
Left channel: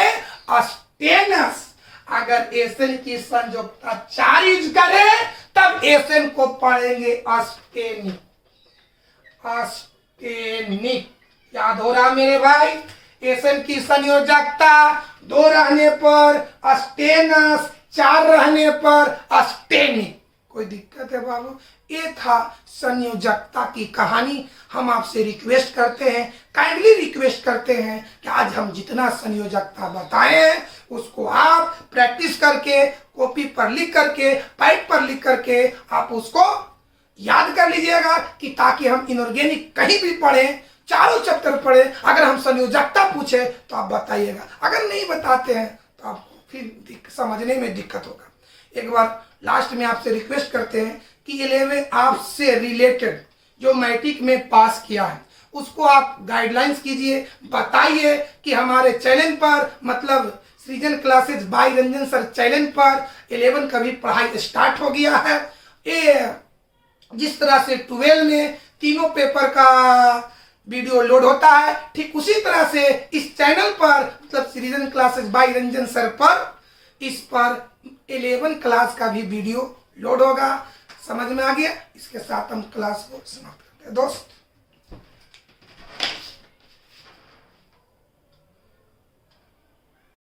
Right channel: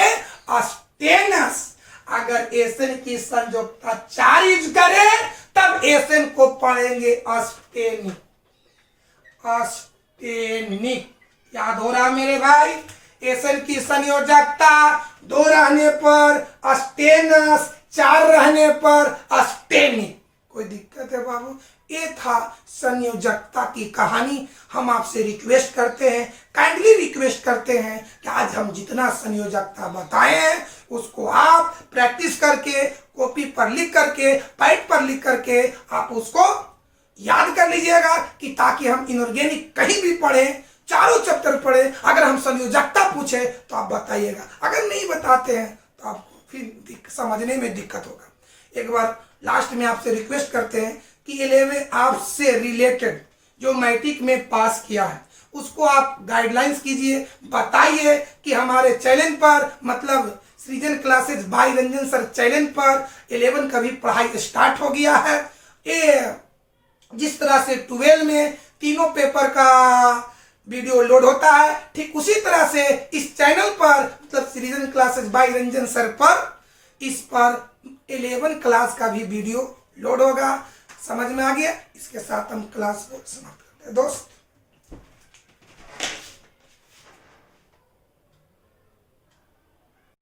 अस्टेनस। अगर एसेन की संयोजकता 4 यूज करे तब एसेन को पढ़ेंगे अस्टेनिक। अस्टेनिक याद हो रहा मेरे भाई। एसेन की संयोजकता 2 रहने पर अस्टेनस, 4 रहने पर अस्टेनिक। कोई दिक्कत है बाबू? ये था संयोजकता की कहानी। हम आपसे रिक्वेस्ट करते हैं, काइंडली रिक्वेस्ट करते हैं कि आज हम जितना संयोजकता बताए हैं उसको आप प्रैक्टिस करके, कॉपी पर लिख करके, पैड पर लिख करके आप उसको याद कर लीजिएगा, कि ताकि हम इनऑर्गेनिक कहीं भी पढ़ें, चारों चैप्टर पढ़े, अगर हम संयोजकता पूछे तो आप बताइएगा। अगर नहीं बताते हैं तो आपको फिर समझने में दिक्कत होगा। एक बार लास्ट में आपसे रिक्वेस्ट करते हैं कि 11 आपसे रिलेटेड जो मैट्रिक में पास किया है उसको आप गाइडलाइंस कीजिए, बताइए कि हमारे चैनल पर, मतलब सृजन classes bye Ranjan sir channel पर 11 का भी पढ़ाई स्टार्ट हो गया है। ये जिस तरह से 12 में तीनों पेपर का वीडियो लोड होता है, ठीक उसी तरह से इस चैनल पर, मतलब सृजन क्लासेस बाय रंजन सर पर, इस पर 11 क्लास का भी वीडियो लोड होगा। समझ में आ गया? इसके साथ हम क्लास को समाप्त करते हैं दोस्त।